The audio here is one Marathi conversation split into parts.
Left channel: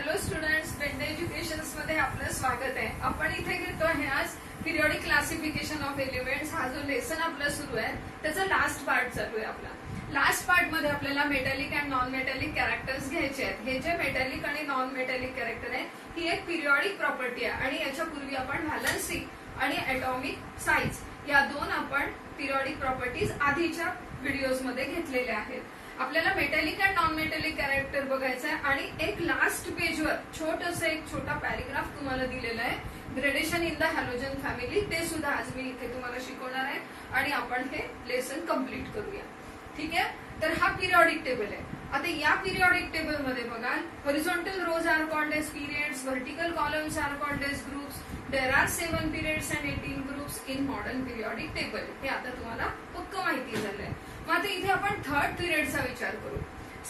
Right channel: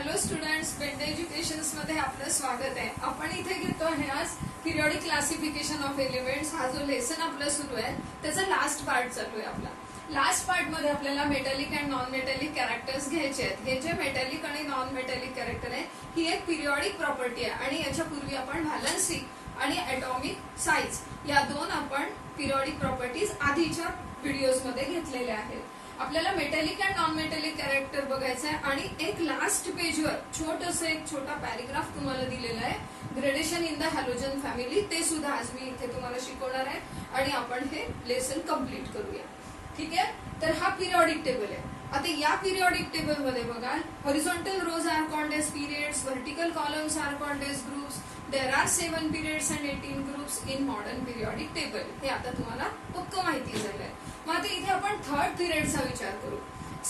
हॅलो स्टुडंट्स, बेंडे एज्युकेशन्स मध्ये आपलं स्वागत आहे. आपण इथे घेतो आहे आज पिरियडिक क्लासिफिकेशन ऑफ एलिमेंट्स. हा जो लेसन आपला सुरू आहे त्याचा लास्ट पार्ट चालू आहे आपला. लास्ट पार्ट मध्ये आपल्याला metallic and non metallic characters घ्यायचे आहेत. हे जे मेटॅलिक आणि नॉन मेटॅलिक कॅरेक्टर आहे ही एक पिरियडिक प्रॉपर्टी आहे आणि याच्यापूर्वी आपण व्हॅलन्सी आणि ॲटॉमिक साईज या दोन आपण पिरियडिक प्रॉपर्टीज आधीच्या व्हिडिओज मध्ये घेतलेल्या आहेत. आपल्याला metallic and non metallic character बघायचं आहे आणि एक लास्ट पेजवर एक छोटा पॅरेग्राफ तुम्हाला दिलेला आहे, gradation in the halogen family. ते सुद्धा आज मी इथे तुम्हाला शिकवणार आहे आणि आपण हे लेसन कम्प्लीट करूया. ठीक आहे, तर हा पिरियडिक टेबल आहे. आता या पिरियडिक टेबल मध्ये बघा, horizontal rows are called as periods, vertical columns are called as groups. There are 7 periods and 18 groups in modern periodic table. हे आता तुम्हाला पक्क माहिती झालंय. मग आता इथे आपण थर्ड पिरियडचा विचार करू.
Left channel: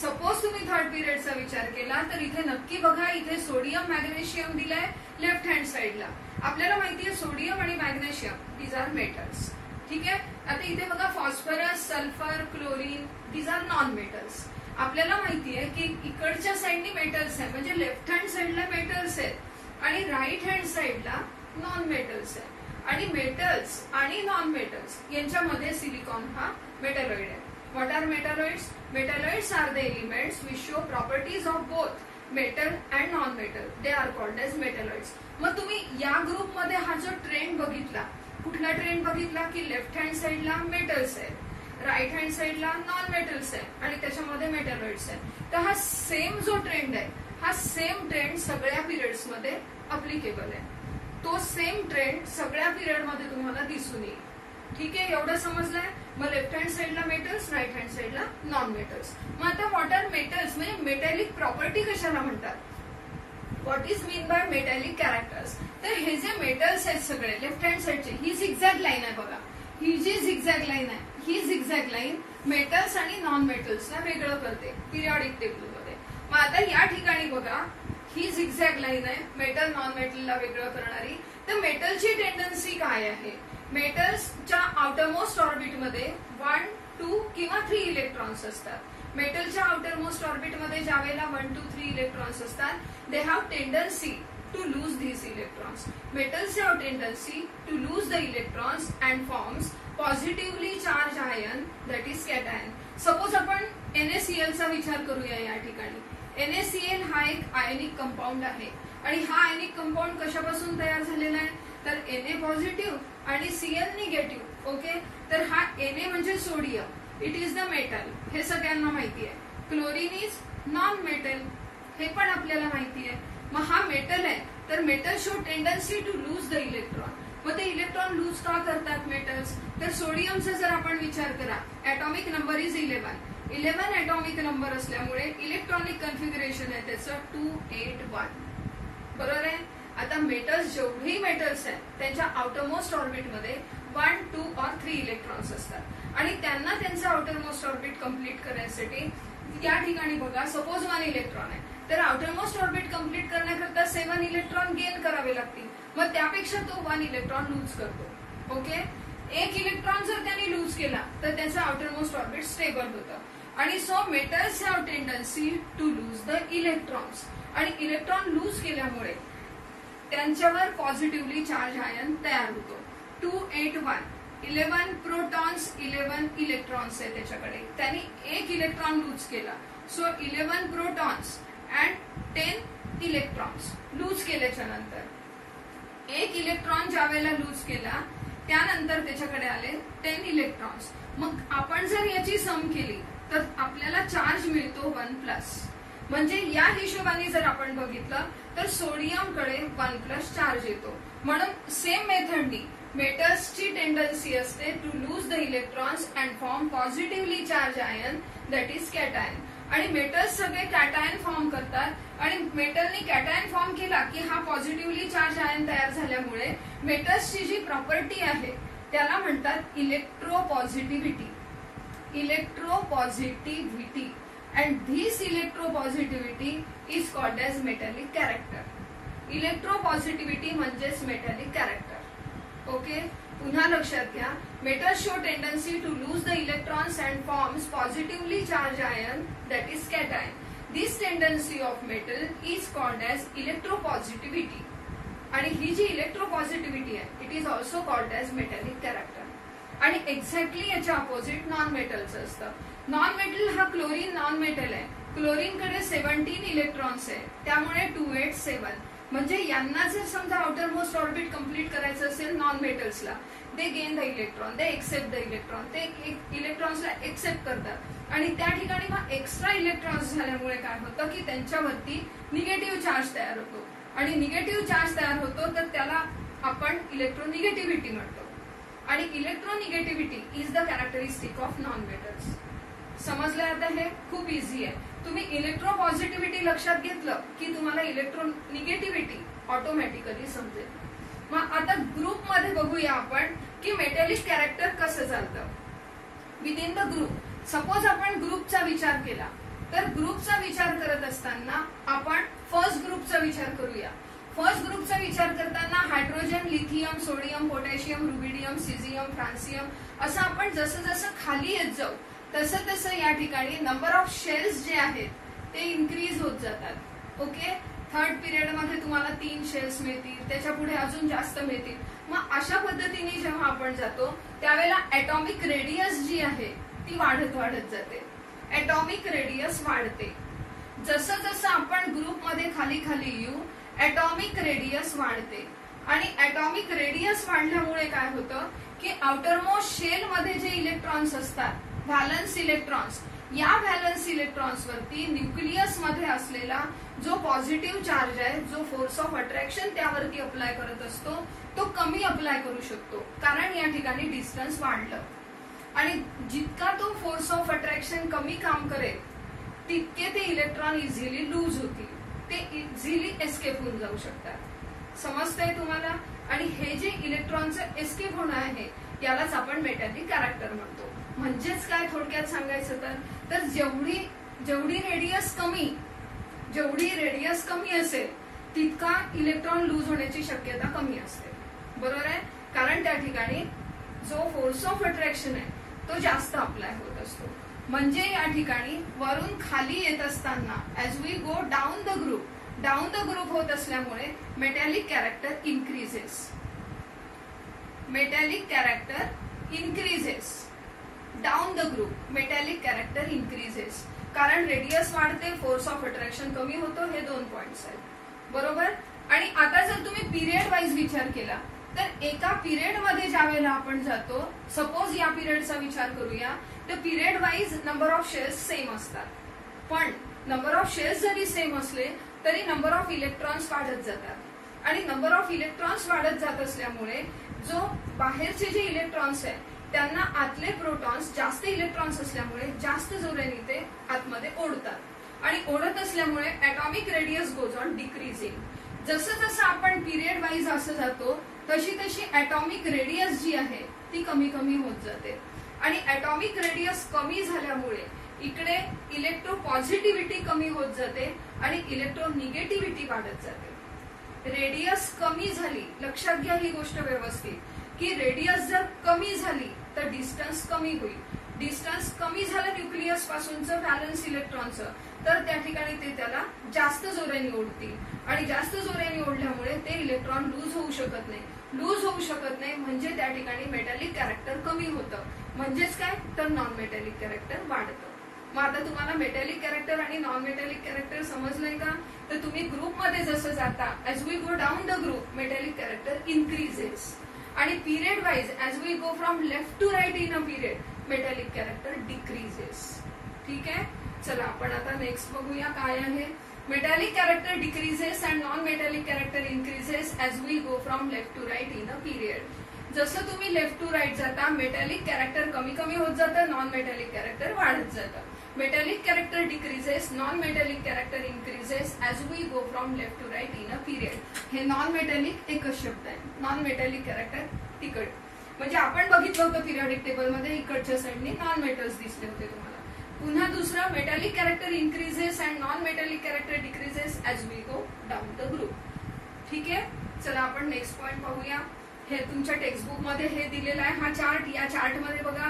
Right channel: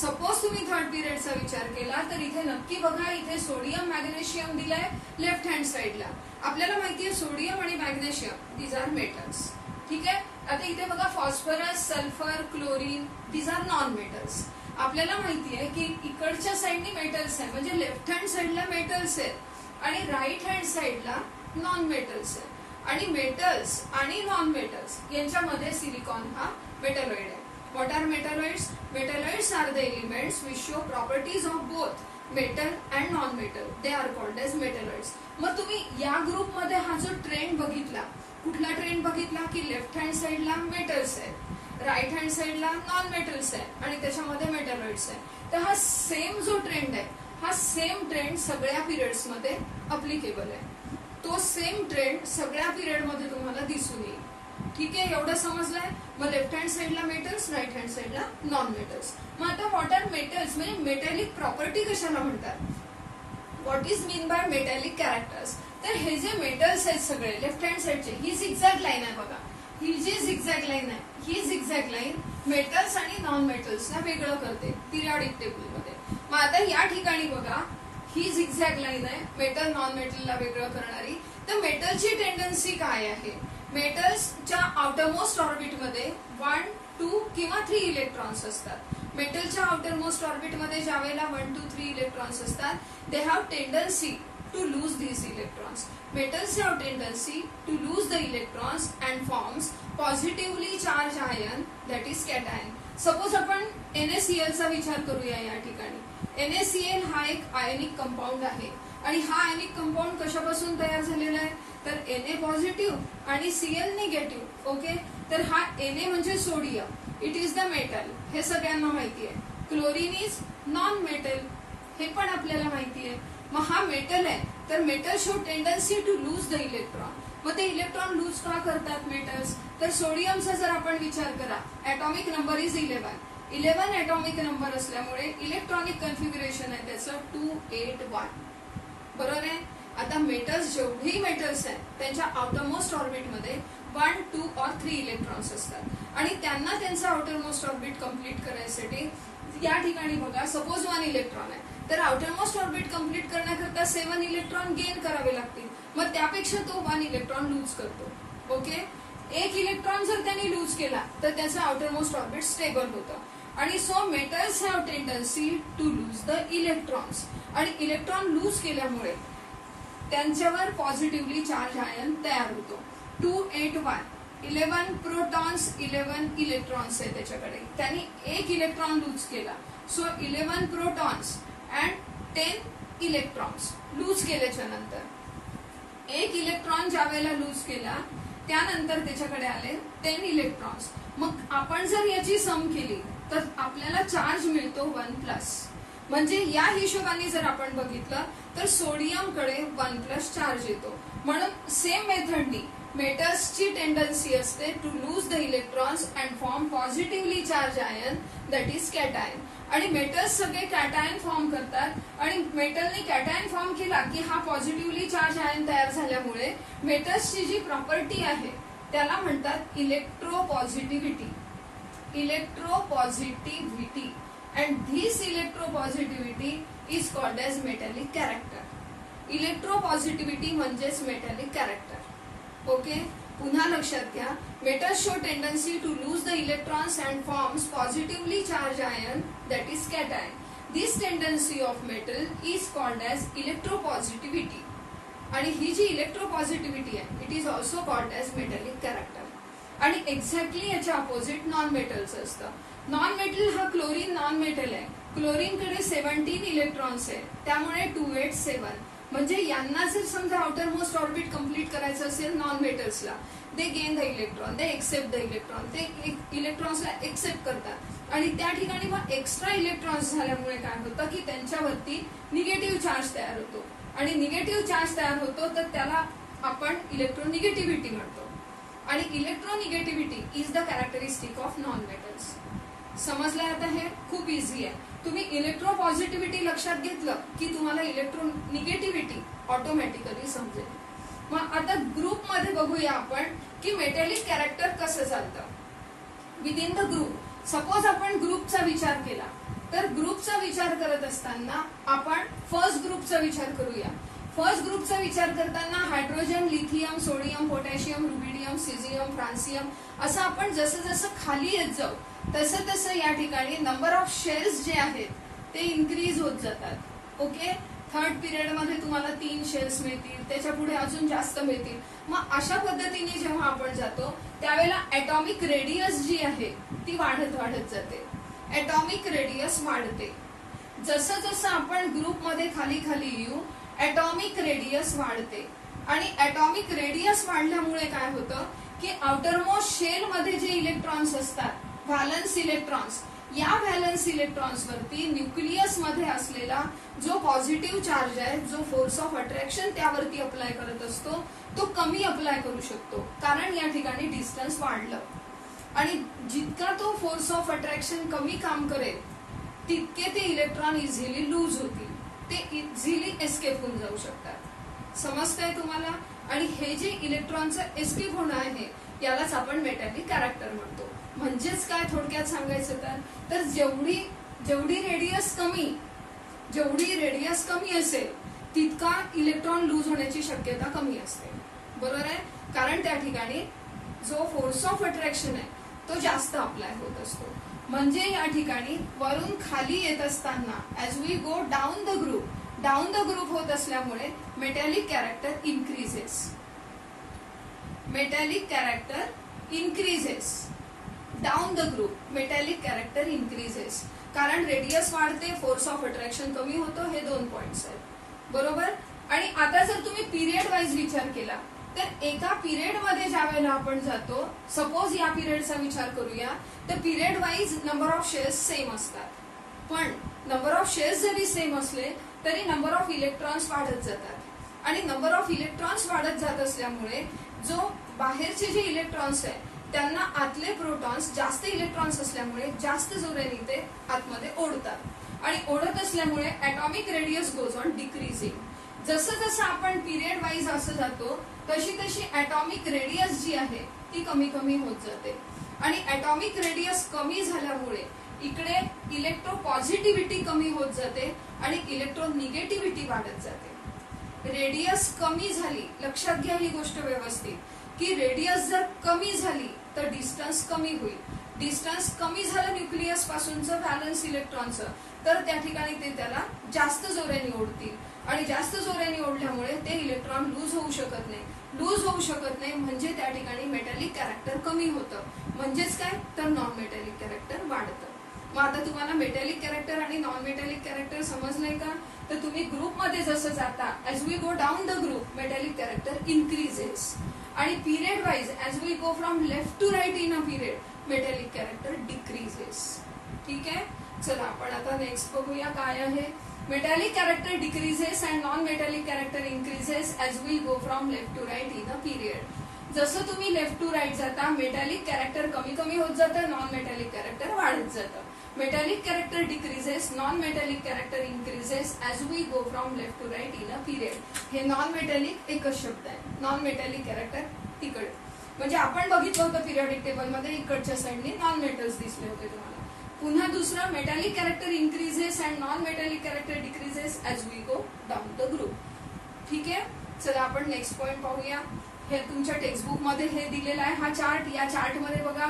सपोज तुम्ही थर्ड पिरियडचा विचार केला तर इथे नक्की बघा, इथे सोडियम मॅग्नेशियम दिलाय लेफ्ट हँड साइडला. आपल्याला माहितीये सोडियम आणि मॅग्नेशियम दीज आर मेटल्स. ठीक आहे, आता इथे बघा phosphorus, sulphur, chlorine these are non metals. आपल्याला माहितीये की इकडच्या साइडनी मेटल्स आहे, म्हणजे लेफ्ट हँड साइडला मेटल्स आहेत आणि राईट हँड साइडला नॉन मेटल्स आहे. आणि मेटल्स आणि नॉन मेटल्स यांच्यामध्ये सिलिकॉन हा मेटॅलॉइड आहे. What are metalloids? Metalloids are the elements which show properties of both metal and non metal. They are called as metalloids. मग तुम्ही या ग्रुपमध्ये हा जो ट्रेंड बघितला, कुठला ट्रेंड बघितला की लेफ्ट हँड साइडला मेटल्स आहेत, राईट हँड साइडला नॉन मेटल्स आहे आणि त्याच्यामध्ये मेटॅलॉइड्स आहे. तर हा सेम जो ट्रेंड आहे, हा सेम ट्रेंड सगळ्या पिरियड्स मध्ये अप्लिकेबल आहे. तो सेम ट्रेंड सगळ्या पिरियड मध्ये तुम्हाला दिसून येईल. ठीक आहे, एवढं समजलंय. मग लेफ्ट हँड साइडला मेटल्स, राईट हँड साइडला नॉन मेटल्स. मग आता व्हॉट आर मेटल्स म्हणजे मेटॅलिक प्रॉपर्टी कशाला म्हणतात? What is mean by metallic characters? तर हे जे मेटल्स आहेत सगळे लेफ्ट हँड साइडचे, ही झिगझॅग लाईन आहे बघा. ही जी झिगझॅग लाईन आहे, ही झिगझॅग लाईन मेटल्स आणि नॉन मेटल्सला वेगळं करते पिरियडिक टेबल मध्ये. मग आता या ठिकाणी बघा, ही झिगझॅग लाईन आहे मेटल नॉन मेटलला वेगळं करणारी. तर मेटलची टेंडन्सी काय आहे? मेटल्सच्या आउटरमोस्ट ऑर्बिटमध्ये 1, 2 किंवा 3 इलेक्ट्रॉन्स असतात. मेटलच्या आउटरमोस्ट ऑर्बिटमध्ये ज्यावेळेला 1, 2, 3 इलेक्ट्रॉन्स असतात, they have tendency to lose these electrons. Metals have tendency to lose the electrons and forms positively charged ion, that is cation. Suppose आपण NaCl चा विचार करूया. या ठिकाणी NaCl हा एक आयनिक कंपाऊंड आहे आणि हा आयनिक कंपाऊंड कशापासून तयार झालेला आहे? तर Na पॉझिटिव्ह आणि Cl निगेटिव्ह. ओके, तर हा Na म्हणजे sodium, it is the metal, हे सगळ्यांना माहिती आहे. क्लोरीन इज नॉन मेटल, हे पण आपल्याला माहिती आहे. मग हा मेटल आहे, तर metal show tendency to lose the electron. मग ते इलेक्ट्रॉन लूज का करतात मेटल्स? तर सोडियमचा जर आपण विचार करा, atomic number is 11 atomic number असल्यामुळे इलेक्ट्रॉनिक कन्फिगरेशन आहे त्याचं 281. बरोबर आहे. आता मेटल्स, जेवढेही मेटल्स आहेत त्यांच्या आउटरमोस्ट ऑर्बिटमध्ये 1, 2 और 3 इलेक्ट्रॉन्स असतात आणि त्यांना त्यांचं आउटरमोस्ट ऑर्बिट कम्प्लीट करण्यासाठी या ठिकाणी बघा, सपोज 1 इलेक्ट्रॉन आहे तर आउटरमोस्ट ऑर्बिट कम्प्लीट करण्याकरता 7 इलेक्ट्रॉन गेन करावे लागतील. मग त्यापेक्षा तो 1 इलेक्ट्रॉन लूज करतो. ओके, 1 इलेक्ट्रॉन जर त्यांनी लूज केला तर त्याचं आउटरमोस्ट ऑर्बिट स्टेबल होतं आणि so metals have tendency to lose the electrons. आणि इलेक्ट्रॉन लूज केल्यामुळे त्यांच्यावर पॉझिटिव्हली चार्ज आयन तयार होतो. 281, 11 प्रोटॉन्स, 11 इलेक्ट्रॉन्स आहे त्याच्याकडे. त्यांनी 1 इलेक्ट्रॉन लूज केला, so 11 protons and 10 electrons loose केल्याच्या नंतर 1 इलेक्ट्रॉन ज्या वेळेला लूज केला त्यानंतर त्याच्याकडे आले 10 इलेक्ट्रॉन्स. मग आपण जर याची सम केली तर आपल्याला चार्ज मिळतो 1+. म्हणजे या हिशोबाने जर आपण बघितलं तर सोडियमकडे 1+ चार्ज येतो. म्हणून सेम मेथडनी मेटल्सची टेंडन्सी असते to lose the electrons and form positively charge ion, that is cation. आणि मेटल्स सगळे कॅटायन फॉर्म करतात आणि मेटलनी कॅटायन फॉर्म केला की हा पॉझिटिव्हली चार्ज आयन तयार झाल्यामुळे मेटल्सची जी प्रॉपर्टी आहे त्याला म्हणतात electropositivity. Electropositivity and this electropositivity is called as metallic character. Electropositivity म्हणजेच मेटॅलिक कॅरेक्टर. ओके, पुन्हा लक्षात घ्या, metals show tendency to lose the electrons and forms positively charge ion, that is cation. This tendency of metal is called as electropositivity. आणि ही जी इलेक्ट्रोपॉझिटिव्हिटी आहे it is also called as metallic character. आणि एक्झॅक्टली याच्या अपोजिट नॉन मेटलचं असतं. नॉन मेटल हा क्लोरीन नॉन मेटल आहे. क्लोरीनकडे 17 इलेक्ट्रॉन्स आहे, त्यामुळे 287. म्हणजे यांना जर समजा आउटर मोस्ट ऑर्बिट कम्प्लीट करायचं असेल नॉन मेटल्सला, they gain the electron, they accept the electron, ते इलेक्ट्रॉन्सला एक्सेप्ट करतात आणि त्या ठिकाणी मग एक्स्ट्रा इलेक्ट्रॉन्स झाल्यामुळे काय होतं की त्यांच्यावरती निगेटिव्ह चार्ज तयार होतो. आणि निगेटिव्ह चार्ज तयार होतो तर त्याला आपण इलेक्ट्रोनिगेटिव्हिटी म्हणतो. आणि electronegativity is the characteristic of non metals. समजलंय आता? हे खूप इझी आहे. तुम्ही इलेक्ट्रोपॉझिटिव्हिटी लक्षात घेतलं की तुम्हाला इलेक्ट्रोनिगेटिव्हिटी ऑटोमॅटिकली समजेल. मग आता ग्रुप मध्ये बघूया आपण की मेटॅलिक कॅरेक्टर कसं चालतं विदिन द ग्रुप. सपोज आपण ग्रुपचा विचार केला तर ग्रुपचा विचार करत असताना आपण फर्स्ट ग्रुपचा विचार करूया. फर्स्ट ग्रुपचा विचार करताना hydrogen, lithium, sodium, potassium, rubidium, caesium, francium असं आपण जसं जसं खाली येत जाऊ तसं तसं या ठिकाणी नंबर ऑफ शेल्स जे आहेत ते इन्क्रीज होत जातात. ओके. थर्ड पिरियड मध्ये तुम्हाला 3 शेल्स मिळतील, त्याच्या पुढे अजून जास्त मिळतील. मग अशा पद्धतीने जेव्हा आपण जातो त्यावेळेला ऍटॉमिक रेडियस जी आहे ती वाढत वाढत जाते. ऍटॉमिक रेडियस वाढते. जसं जसं आपण ग्रुपमध्ये खाली खाली येऊ ऍटॉमिक रेडियस वाढते. आणि ऍटॉमिक रेडियस वाढल्यामुळे काय होतं की आउटरमोस्ट शेल मध्ये जे इलेक्ट्रॉन्स असतात व्हॅलन्स इलेक्ट्रॉन्स, या व्हॅलन्स इलेक्ट्रॉन्स वरती न्यूक्लियस मध्ये असलेला जो पॉझिटिव्ह चार्ज आहे, जो फोर्स ऑफ अट्रॅक्शन त्यावरती अप्लाय करत असतो तो कमी अप्लाय करू शकतो, कारण या ठिकाणी डिस्टन्स वाढलं. आणि जितका तो फोर्स ऑफ अट्रॅक्शन कमी काम करेल तितके ते इलेक्ट्रॉन इझिली लूज होतील, ते इझिली एस्केप होऊन जाऊ शकतात. समजतंय तुम्हाला? आणि हे जे इलेक्ट्रॉनचं एस्केप होणं आहे यालाच आपण मेटॅलिक कॅरेक्टर म्हणतो. म्हणजेच काय थोडक्यात सांगायचं तर जेवढी रेडियस कमी असेल तितका इलेक्ट्रॉन लूज होण्याची शक्यता कमी असते. बरोबर आहे? कारण त्या ठिकाणी जो फोर्स ऑफ अट्रॅक्शन आहे तो जास्त अप्लाय होत असतो. म्हणजे या ठिकाणी वरून खाली येत असताना as we go down the group होत असल्यामुळे metallic character increases down the group. Metallic character increases कारण रेडियस वाढते, फोर्स ऑफ अट्रॅक्शन कमी होतो. हे 2 पॉइंट्स आहेत. बरोबर. आणि आता जर तुम्ही पिरियड वाईज विचार केला तर एका पिरियड मध्ये ज्या वेळेला आपण जातो, सपोज या पिरियडचा विचार करूया तर period wise number of shares same असतात. पण नंबर ऑफ शेअर्स जरी सेम असले तरी नंबर ऑफ इलेक्ट्रॉन्स वाढत जातात. आणि नंबर ऑफ इलेक्ट्रॉन्स वाढत जात असल्यामुळे जो बाहेरचे जे इलेक्ट्रॉन्स आहेत त्यांना आतले प्रोटॉन्स जास्त इलेक्ट्रॉन्स असल्यामुळे जास्त जोराने ते आतमध्ये ओढतात. आणि ओढत असल्यामुळे atomic radius goes on decreasing. जसं जसं आपण पिरियड वाईज असं जातो तशी तशी ऍटॉमिक रेडियस जी आहे ती कमी कमी होत जाते. आणि ऍटॉमिक रेडियस कमी झाल्यामुळे इकडे इलेक्ट्रोपॉझिटिव्हिटी कमी होत जाते आणि इलेक्ट्रोनिगेटिव्हिटी वाढत जाते. रेडियस कमी झाली, लक्षात घ्या ही गोष्ट व्यवस्थित, की रेडियस जर कमी झाली तर डिस्टन्स कमी होईल. डिस्टन्स कमी झालं न्यूक्लियस पासूनचं व्हॅलन्स इलेक्ट्रॉनचं तर त्या ठिकाणी ते त्याला जास्त जोराने ओढतील. आणि जास्त जोराने ओढल्यामुळे ते इलेक्ट्रॉन लूज होऊ शकत नाही. म्हणजे त्या ठिकाणी मेटॅलिक कॅरेक्टर कमी होतं. म्हणजेच काय तर नॉन मेटॅलिक कॅरेक्टर वाढतं. मग आता तुम्हाला मेटॅलिक कॅरेक्टर आणि नॉन मेटॅलिक कॅरेक्टर समजलंय का? तर तुम्ही ग्रुपमध्ये जसं जाता as we go down the group metallic character increases. आणि period wise as we go from left to right in a period metallic character decreases. ठीक आहे. चला आपण आता नेक्स्ट बघूया काय आहे. Metallic character decreases and non metallic character increases as we go from left to right in a period. जसं तुम्ही लेफ्ट टू राईट जाता मेटॅलिक कॅरेक्टर कमी कमी होत जातं, नॉन मेटॅलिक कॅरेक्टर वाढत जातं. Metallic character decreases, non metallic character increases as we go from left to right in a period. हे नॉन मेटॅलिक एकच शब्द आहे. नॉन मेटॅलिक कॅरेक्टर तिकडे म्हणजे आपण बघितलं होतं पिरियडिक टेबलमध्ये इकडच्या साईडने नॉन मेटल्स दिसले होते तुम्हाला. पुन्हा दुसरं metallic character increases and non metallic character decreases as we go down the group. ठीक आहे. चला आपण नेक्स्ट पॉइंट पाहूया. हे तुमच्या टेक्स्टबुक मध्ये हे दिलेला आहे हा चार्ट. या चार्ट मध्ये बघा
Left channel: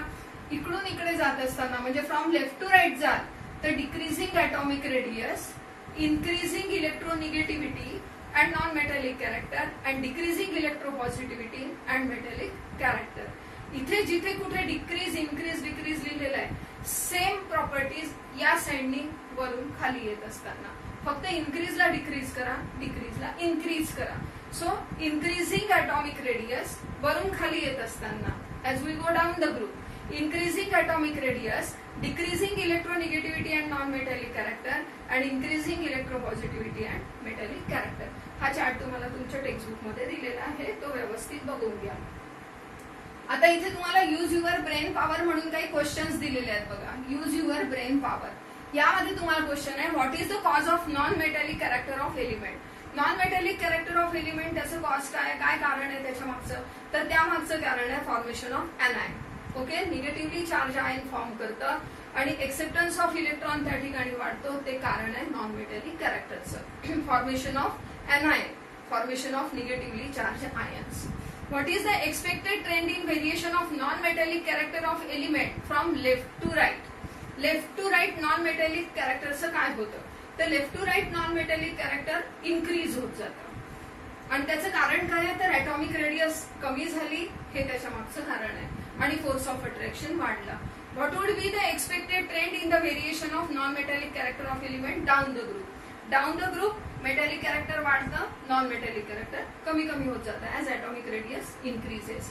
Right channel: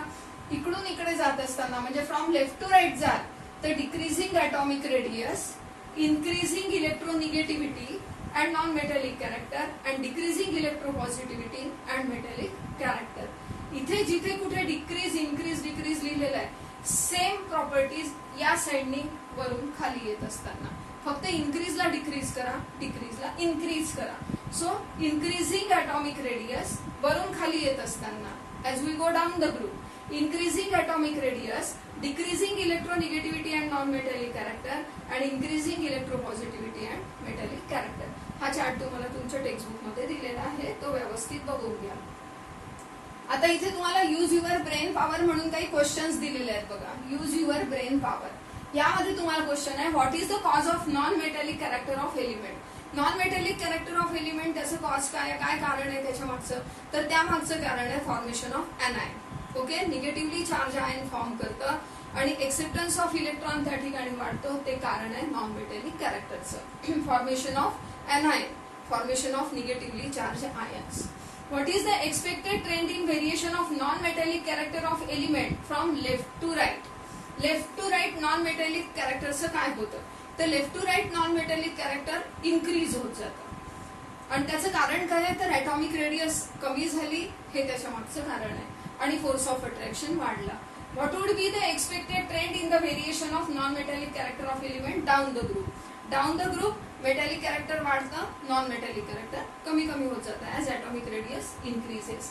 इकडून इकडे जात असताना म्हणजे फ्रॉम लेफ्ट टू राईट जाल तर decreasing atomic radius, increasing electronegativity and non metallic character and decreasing electropositivity and metallic character. इथे जिथे कुठे डिक्रीज इन्क्रीज डिक्रीज लिहिलेलं आहे, सेम प्रॉपर्टीज या साइडनी वरून खाली येत असताना फक्त इन्क्रीजला डिक्रीज करा, डिक्रीजला इन्क्रीज करा. सो इन्क्रीजिंग ॲटॉमिक रेडियस वरून खाली येत असताना as we go down the group, increasing atomic radius, decreasing electronegativity and non-metallic character and increasing electropositivity and metallic character. हा चार्ट तुम्हाला तुमच्या टेक्स्टबुक मध्ये दिलेला आहे, तो व्यवस्थित बघून घ्या. आता इथे तुम्हाला यूज युअर ब्रेन पॉवर म्हणून काही क्वेश्चन्स दिलेले आहेत बघा. यूज युअर ब्रेन पॉवर यामध्ये तुम्हाला क्वेश्चन आहे, what is the cause of non metallic character of element. Non metallic character of element त्याचं कॉज काय कारण आहे त्याच्या मागचं, तर त्या मागचं कारण आहे formation of anion. Okay, negatively charge ion form करतं आणि एक्सेप्टन्स ऑफ इलेक्ट्रॉन त्या ठिकाणी वाढतो, ते कारण आहे नॉन मेटॅलिक कॅरेक्टरचं. Formation of anion, formation of negatively charge ions. What is the expected trend in variation of non metallic character of element from left to right. Left to right non metallic कॅरेक्टरचं काय होतं, तर left to right non metallic character increase होत जातं. आणि त्याचं कारण काय आहे, तर ॲटॉमिक रेडियस कमी झाली, हे त्याच्या मागचं कारण आहे, आणि फोर्स ऑफ अट्रॅक्शन वाढला. What would be the expected trend in the variation of non metallic character of element down the group. Down the group metallic character वाढतं, नॉन मेटॅलिक कॅरेक्टर कमी कमी होत जातं ऍज ॲटॉमिक रेडियस इन्क्रीजेस.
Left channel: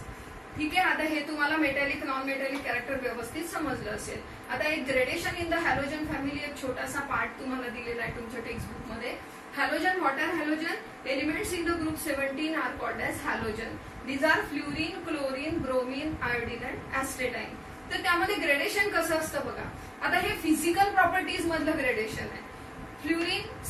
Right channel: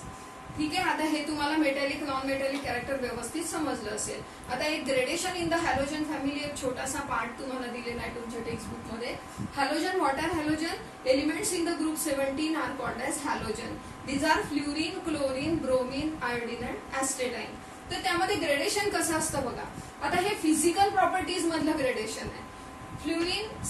ठीक आहे, आता हे तुम्हाला मेटॅलिक नॉन मेटॅलिक कॅरेक्टर व्यवस्थित समजलं असेल. आता एक gradation in the halogen family, एक छोटासा पार्ट तुम्हाला दिलेला आहे तुमच्या टेक्स्टबुक मध्ये. Halogen, what are halogen? Elements in the group 17 are called as halogen. These are fluorine, chlorine, bromine, iodine and astatine. तर त्यामध्ये ग्रेडेशन कसं असतं बघा. आता हे फिजिकल प्रॉपर्टीज मधलं ग्रेडेशन आहे. फ्ल्युरिन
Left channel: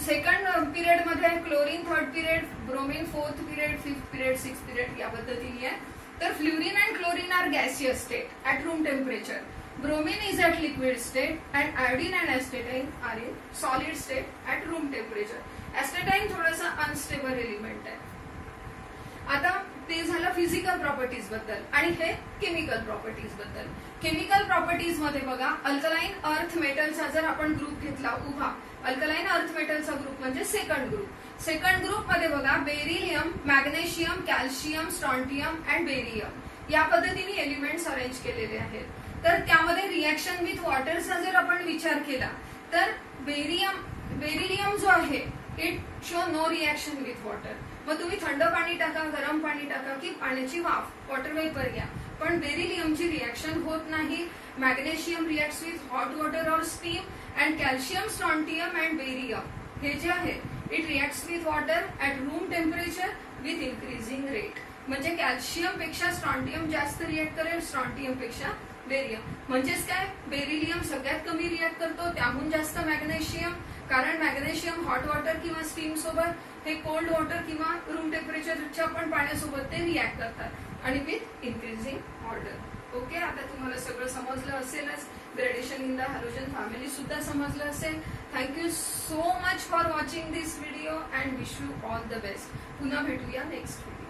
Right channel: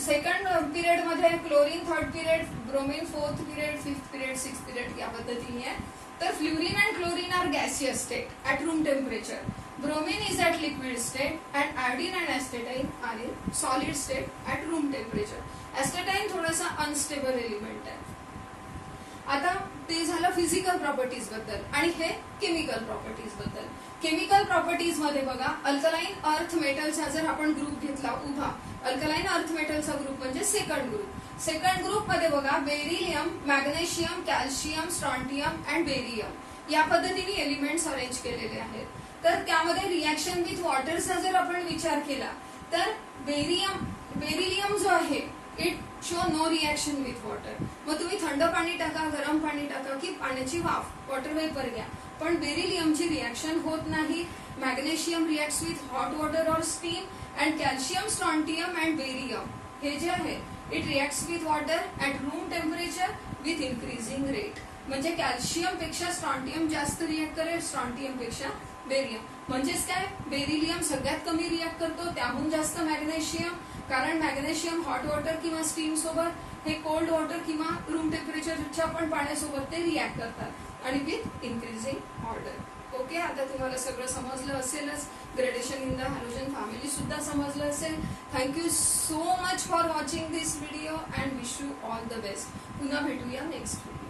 सेकंड पिरियड मध्ये, chlorine third period, bromine fourth period, fifth period, sixth period या पद्धतीने आहे. तर fluorine and chlorine are gaseous state at room temperature. Bromine is at liquid state and iodine and acetylene are in solid state at room temperature. Acetylene थोडासा अनस्टेबल एलिमेंट आहे. आता ते झालं फिजिकल प्रॉपर्टीज बद्दल, आणि हे केमिकल प्रॉपर्टीज बद्दल. केमिकल प्रॉपर्टीज मध्ये बघा, अल्कलाइन अर्थ मेटलचा जर आपण ग्रुप घेतला उभा, अल्कलाइन अर्थ मेटलचा ग्रुप म्हणजे सेकंड ग्रुप. सेकंड ग्रुप मध्ये बघा beryllium, magnesium, calcium, strontium and barium या पद्धतीने एलिमेंट्स अरेंज केलेले आहेत. तर त्यामध्ये रिॲक्शन विथ वॉटरचा जर आपण विचार केला तर बेरिलियम जो आहे it shows no reaction with water. मग तुम्ही थंड पाणी टाका, गरम पाणी टाका की पाण्याची वाफ, वॉटर वेपर घ्या, पण बेरिलियमची रिॲक्शन होत नाही. Magnesium reacts with hot water or steam and calcium, strontium and barium हे जे आहे it reacts with water at room temperature with increasing rate. म्हणजे कॅल्शियम पेक्षा स्ट्रॉन्टियम जास्त रिॲक्ट करेल, स्ट्रॉन्टियम पेक्षा बेरियम. म्हणजेच काय, बेरिलियम सगळ्यात कमी रिॲक्ट करतो, त्याहून जास्त मॅग्नेशियम, कारण मॅग्नेशियम हॉट वॉटर किंवा स्टीम सोबत, हे कोल्ड वॉटर किंवा रूम टेम्परेचरच्या पण पाण्यासोबत ते रिॲक्ट करतात आणि विथ इन्क्रीजिंग ऑर्डर. ओके, आता तुम्हाला सगळं समजलं असेलच. Gradation in the halogen family सुद्धा समजलं असेल. Thank you so much for watching this video and wish you all the best. पुन्हा भेटूया नेक्स्ट व्हिडिओ.